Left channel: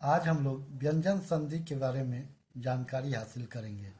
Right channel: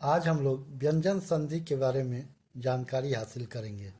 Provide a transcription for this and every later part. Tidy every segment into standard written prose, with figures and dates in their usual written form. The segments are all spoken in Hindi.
आज हम लोग व्यंजन संधि के बारे में जानकारी हासिल करेंगे।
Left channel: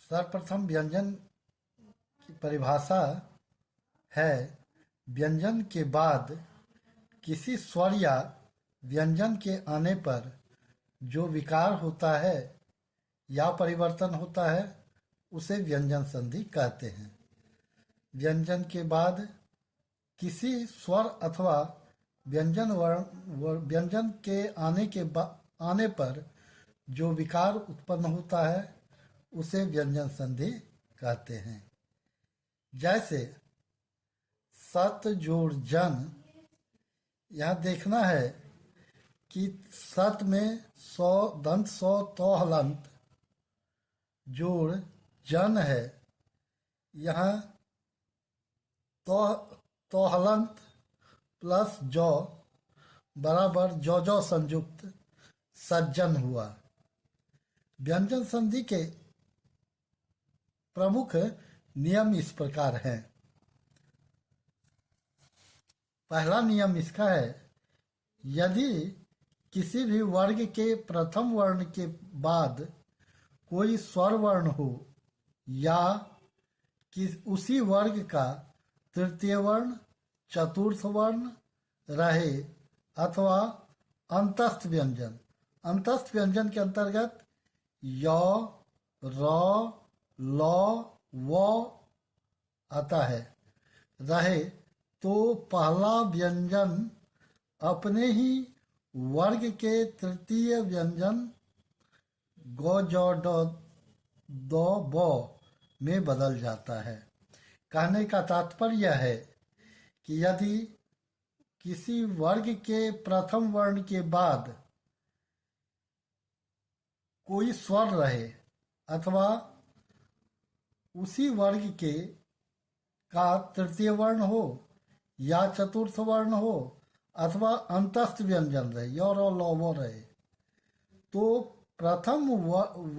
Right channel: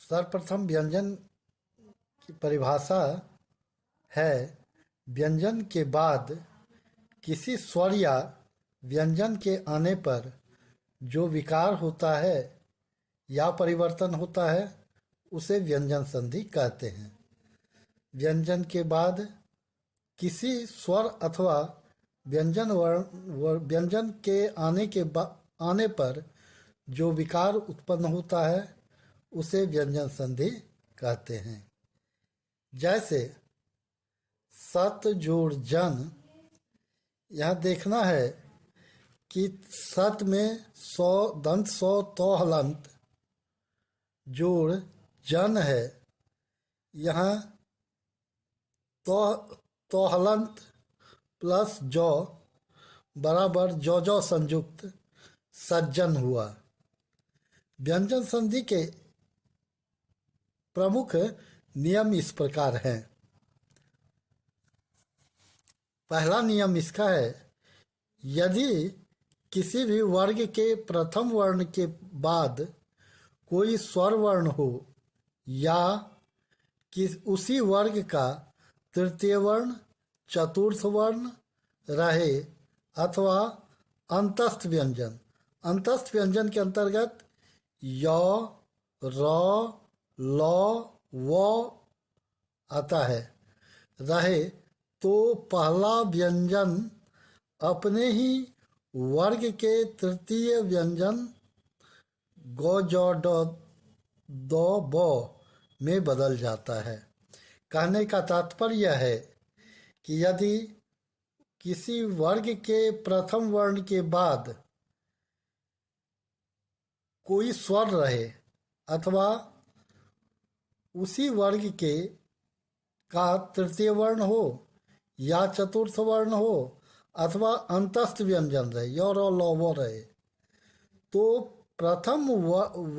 सर्वप्रथम व्यंजन की परिभाषा है व्यंजन के बाद किसी स्वर या व्यंजन के आने पर जो विकार होता है या परिवर्तन होता है उसे व्यंजन संधि कहते हैं। व्यंजन के बाद किसी स्वर अथवा व्यंजन के आने पर जो विकार उत्पन्न होता है उसे व्यंजन संधि कहते हैं। जैसे सत जोड़ जन, यहाँ देखना है कि सत में सौ दंत सौ तो हलंत जोड़ जन है। यहाँ तो हलंत प्लस जौ बराबर जौ जौ संयुक्त सज्जन हुआ। व्यंजन संधि के प्रमुख नियम इस प्रकार हैं। पहला नियम इसका है, यदि किसी भी वर्ग के प्रथम वर्ण के बाद कोई स्वर वर्ण हो या कि उसी वर्ग का तृतीय वर्ण चतुर्थ वर्ण रहे अथवा अंतस्थ व्यंजन के अंतर्गत य र ल व आता है रहे, तो पहला व्यंजन अपने ही वर्ग के तृतीय व्यंजन गौ जौ दो ब में बदल जाता है। कहने का तात्पर्य है कि यदि किसी वर्ग के प्रथम वर्ण के बाद कोई स्वर रहे अथवा उसी वर्ग के का तृतीय वर्ण हो या चतुर्थ वर्ण हो अथवा अंतस्थ व्यंजन रहे य र ल व रहे, तो प्रथम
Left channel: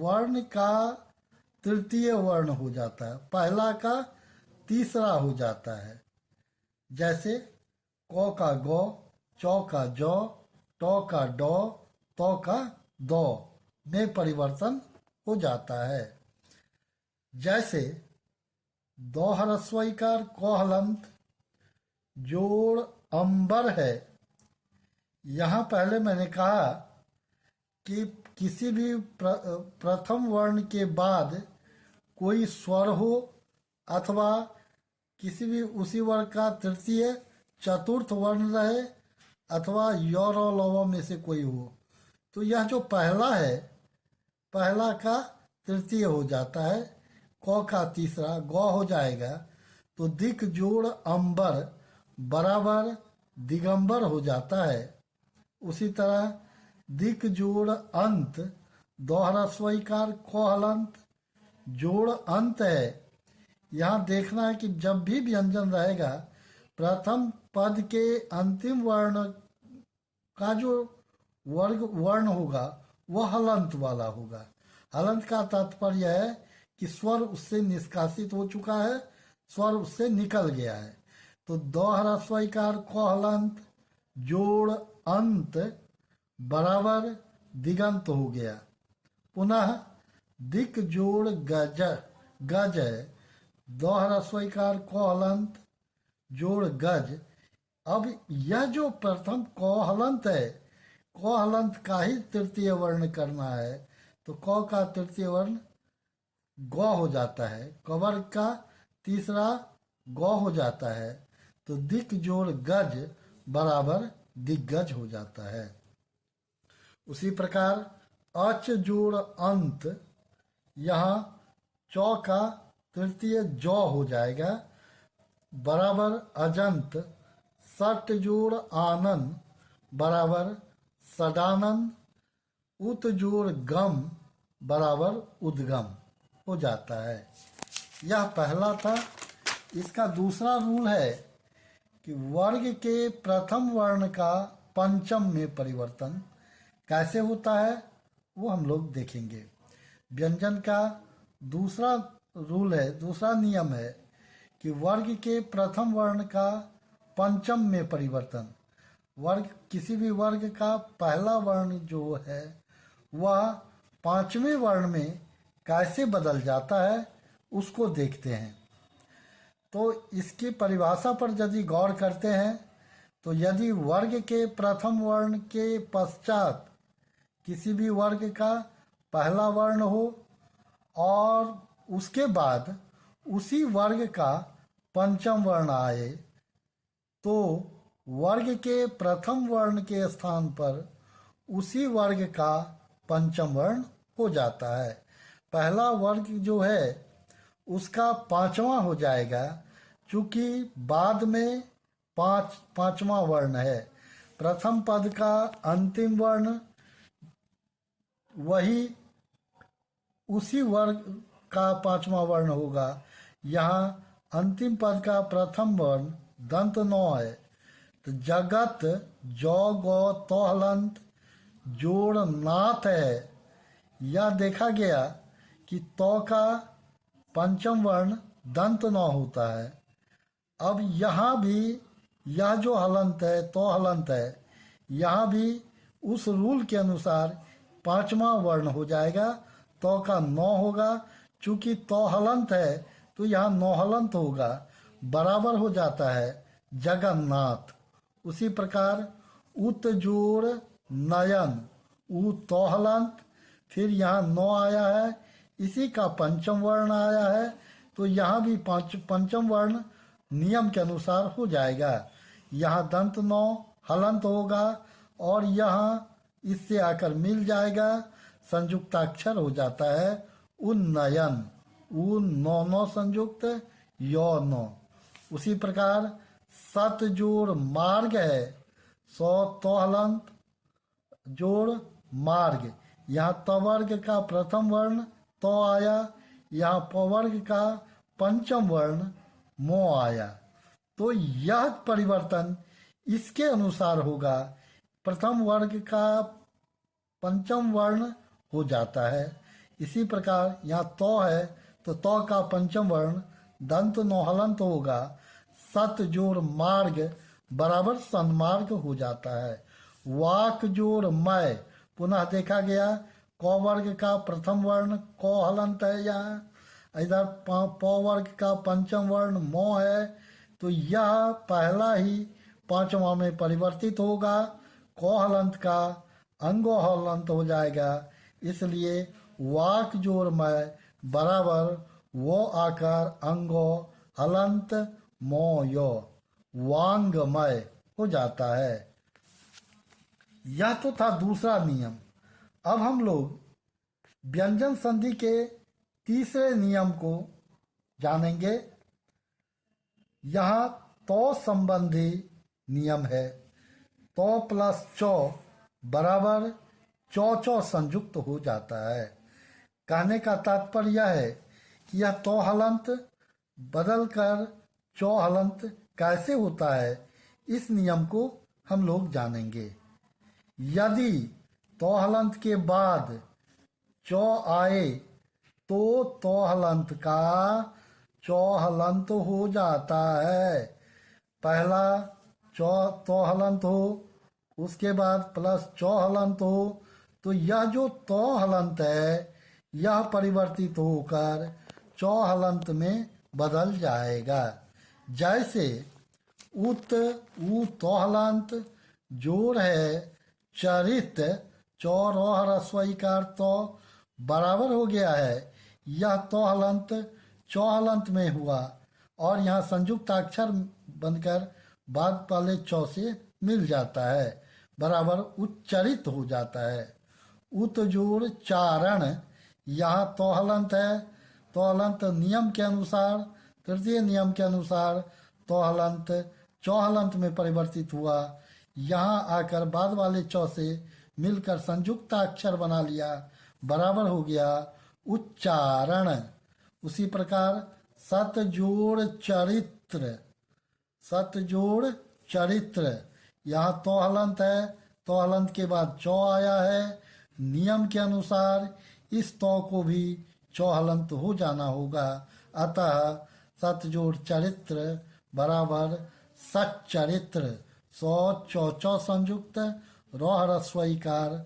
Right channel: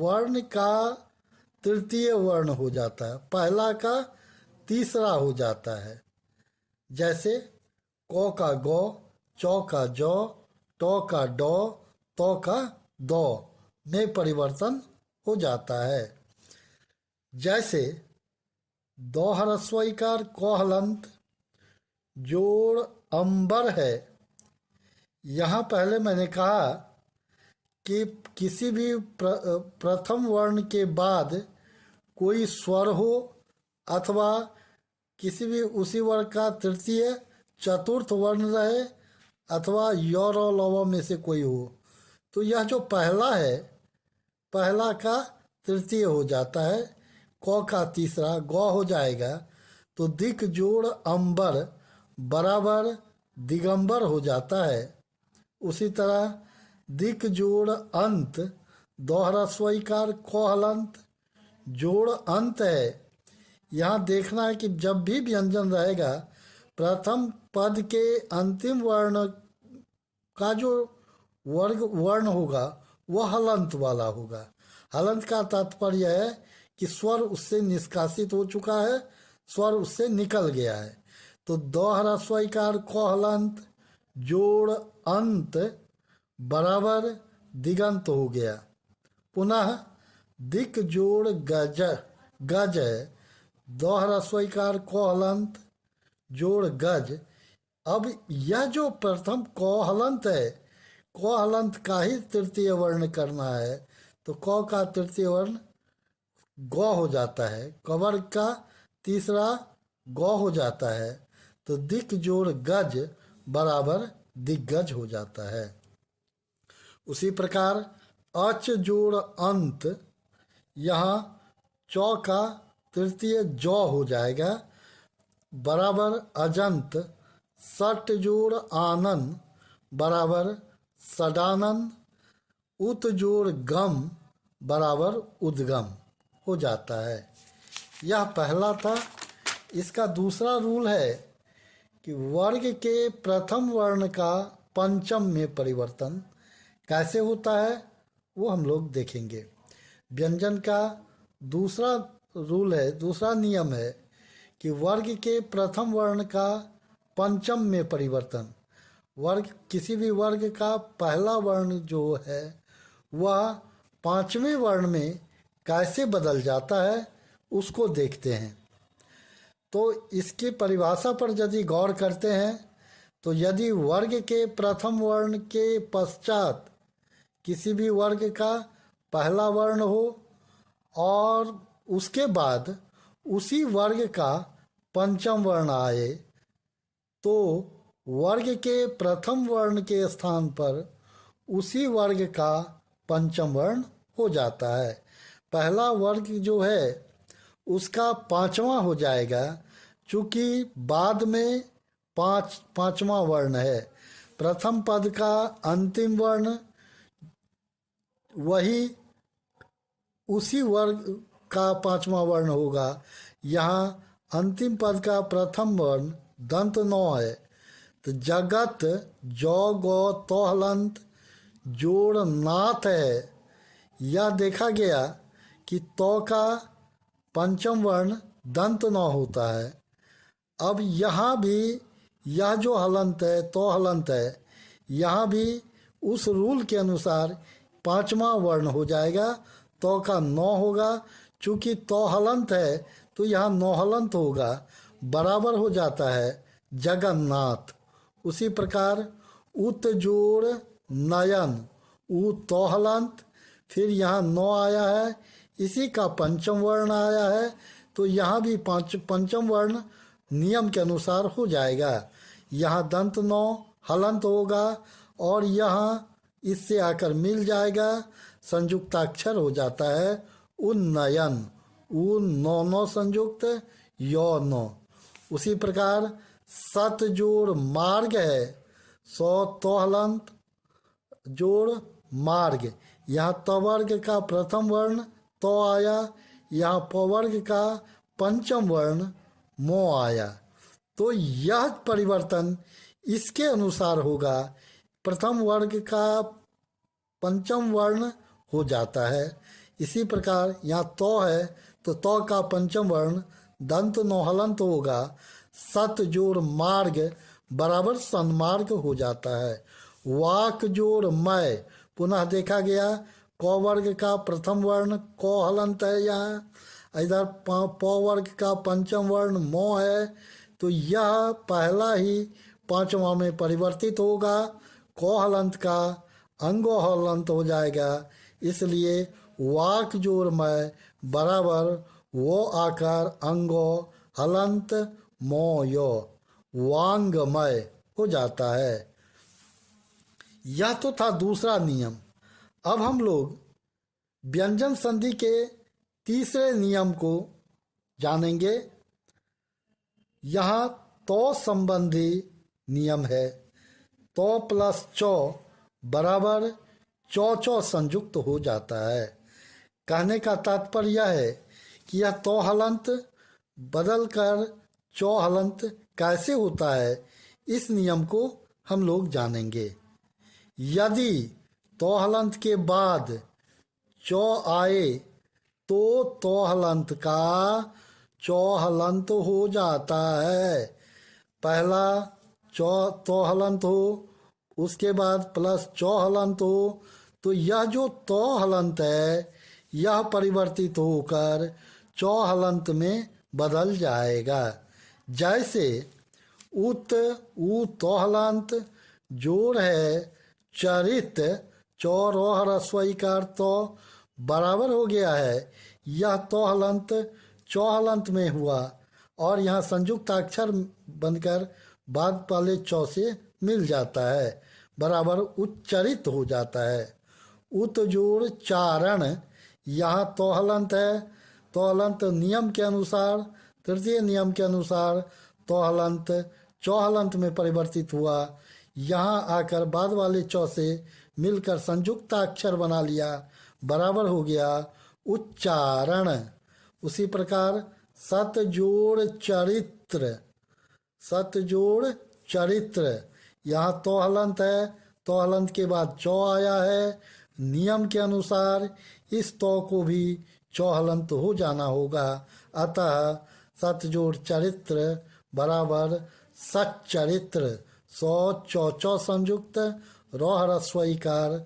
वर्ण का तृतीय वर्ण हो जाता है, पहला का तीसरा हो जाता है। जैसे क का गौ, चौ का जौ, टौ का डौ, तौ का दौ में परिवर्तन हो जाता है। जैसे दो ह्रस्व इकार क हलंत जोड़ अंबर है। यहाँ पहले मैंने कहा कि किसी भी प्रथम वर्ण के बाद कोई स्वर हो अथवा किसी भी उसी वर्ग का तृतीय चतुर्थ वर्ण रहे अथवा य र ल व में से कोई हो, तो यह जो पहला है पहला का तृतीय हो जाता है, क का तीसरा गौ हो जाएगा, तो दिक जोड़ अंबर बराबर दिगंबर हो जाता है। उसी तरह दिक जोड़ अंत दोहरा स्वीकार क हलंत जोड़ अंत है। यहाँ देखना है कि जब भी व्यंजन रहेगा प्रथम पद के अंतिम वर्ण का जो वर्ण होगा वह हलंत वाला होगा। हलंत का तात्पर्य है कि स्वर उससे निष्कासित हो चुका है, स्वर उससे निकल गया है। तो दो ह्रस्व इकार क हलंत जोड़ अंत बराबर दिगंत हो गया। पुनः दिक जोड़ गज है, दो ह्रस्व इकार क हलंत जोड़ गज। अब यह जो प्रथम क हलंत है, क हलंत का ही तृतीय वर्ण करना है, तो क का तृतीय वर्ण गौ हो जाता है, कवर्ग का तीसरा गौ हो जाता है, तो दिक जोड़ गज बराबर दिग्गज हो जाता है। उसी प्रकार अच जोड़ अंत, यहाँ चौ का तृतीय जौ हो जाएगा बराबर अजंत, सट जोड़ आनंद बराबर सदानंद, उत जोड़ गम बराबर उद्गम हो जाता है। यह पहला था। इसका दूसरा रूल है कि वर्ग के प्रथम वर्ण का पंचम में परिवर्तन कैसे होता है वो हम लोग देखेंगे। व्यंजन का दूसरा रूल है, दूसरा नियम है कि वर्ग के प्रथम वर्ण का पंचम में परिवर्तन। वर्ग किसी भी वर्ग का पहला वर्ण जो है वह पांचवें वर्ण में कैसे बदल जाता है उसको देखते हैं। तो इसकी परिभाषा पर यदि गौर करते हैं तो यदि वर्ग के प्रथम वर्ण के पश्चात किसी भी वर्ग का पहला वर्ण हो और उसके बाद उसी वर्ग का पंचम वर्ण आए तो वर्ग के प्रथम वर्ण के स्थान पर उसी वर्ग का पंचम वर्ण हो जाता है। पहला वर्ग जो है उसका पांचवा हो जाएगा, चूंकि बाद में पांचवा वर्ण है। प्रथम पद का अंतिम वर्ण वही उसी वर्ग का पांचवा वर्ण होगा। यहाँ अंतिम पद का प्रथम वर्ण दंत नौ है। तो जगत जौ गौ तो हलंत जोड़ नाथ है। यह देखा गया कि तो का पंचम वर्ण दंत नौ होता है। अब यहाँ भी यह जो हलंत है तो हलंत है, यहाँ भी उस रूल के अनुसार पांचवा वर्ण हो जाएगा। तो का नौ होगा, चूंकि तो हलंत है तो यहाँ नौ हलंत होगा, बराबर हो जाता है जगन्नाथ। उसी प्रकार उत जोड़ नयन उ तो हलंत, फिर यहाँ नौ आया है, इसी का पंचम वर्ण आया है तो यहाँ भी पंचम वर्ण नियम के अनुसार हो जाएगा। यहाँ दंत नौ हलंत होगा और यहाँ इससे आकर मिल जाएगा, संयुक्ताक्षर हो जाता है उन्नयन। उ नौ नौ संयुक्त यो नौ। उसी प्रकार सत जोड़ मार्ग है, सौ तो हलंत जोड़ मार्ग। यहाँ तवर्ग का प्रथम वर्ण तो आया, यहाँ पवर्ग का पंचम वर्ण मो आया। तो यह परिवर्तन इसके अनुसार होगा। प्रथम वर्ग का पंचम वर्ण हो जाता है। इसी प्रकार यहाँ तो है तो तो का पंचम वर्ण दंत नौ हलंत होगा। सत जोड़ मार्ग बराबर सन्मार्ग हो जाता है। वाक जोड़ मैं, पुनः देखा गया क वर्ग का प्रथम वर्ण को हलंत है, यहाँ इधर प वर्ग का पंचम वर्ण मो है, तो यह पहला ही पांचवा में परिवर्तित होगा। को हलंत का अंगो हलंत हो जाएगा, इसलिए वाक जोड़ मैं बराबर वो आकार अंगो हलंत मोयो वांगमय हो जाता है। यह तो था दूसरा नियम। अब हम लोग व्यंजन संधि के तीसरे नियम को जानेंगे। यहाँ तो संबंधी नियम है। तो प्लस चौ बराबर चौ चौ संयुक्त हो जाता है। कहने का तात्पर्य यह है कि यह तो हलंत बदल कर चौ हलंत कैसे होता है, इस नियम को हम लोग जानेंगे। यदि तो हलंत के बाद चौ आए तो हलंत का चौ हलंत हो जाता है। पहला चौ तो हलंत हो, उसके बाद प्लस चौ हलंत हो, तो यह जो तो हलंत है यह परिवर्तित होकर चौ हलंत में बदल जाएगा। जैसे उत उ तो हलंत जोड़ है चरित चौरोह रस्वई का तो बराबर हो गया है। यह तो हलंत चौ हलंत में हुआ और यहाँ संयुक्त अक्षर बनकर बाद वाले चौ से मिल जाता है, बराबर उच्चरित हो जाता है। उत जोड़ चारण, यहाँ तो हलंत है, तो हलंत नियम के अनुसार तृतीय नियम के अनुसार तो हलंत चौ हलंत में परिवर्तित हुआ। यहाँ आकर बाद वाले चौ से मिलकर संयुक्त अक्षर बना लिया, बराबर हो गया उच्चारण। उसी प्रकार सत जोड़ चरित्र, सत जोड़ चरित्र, यहाँ तो हलंत है, तो हलंत के बाद चौ आया है। नियम के अनुसार इस तो को भी चौ हलंत हो जाना होगा, अतः सत जोड़ चरित्र बराबर सच्चरित्र सौ चौ चौ संयुक्त रौ ह्रस्व इकार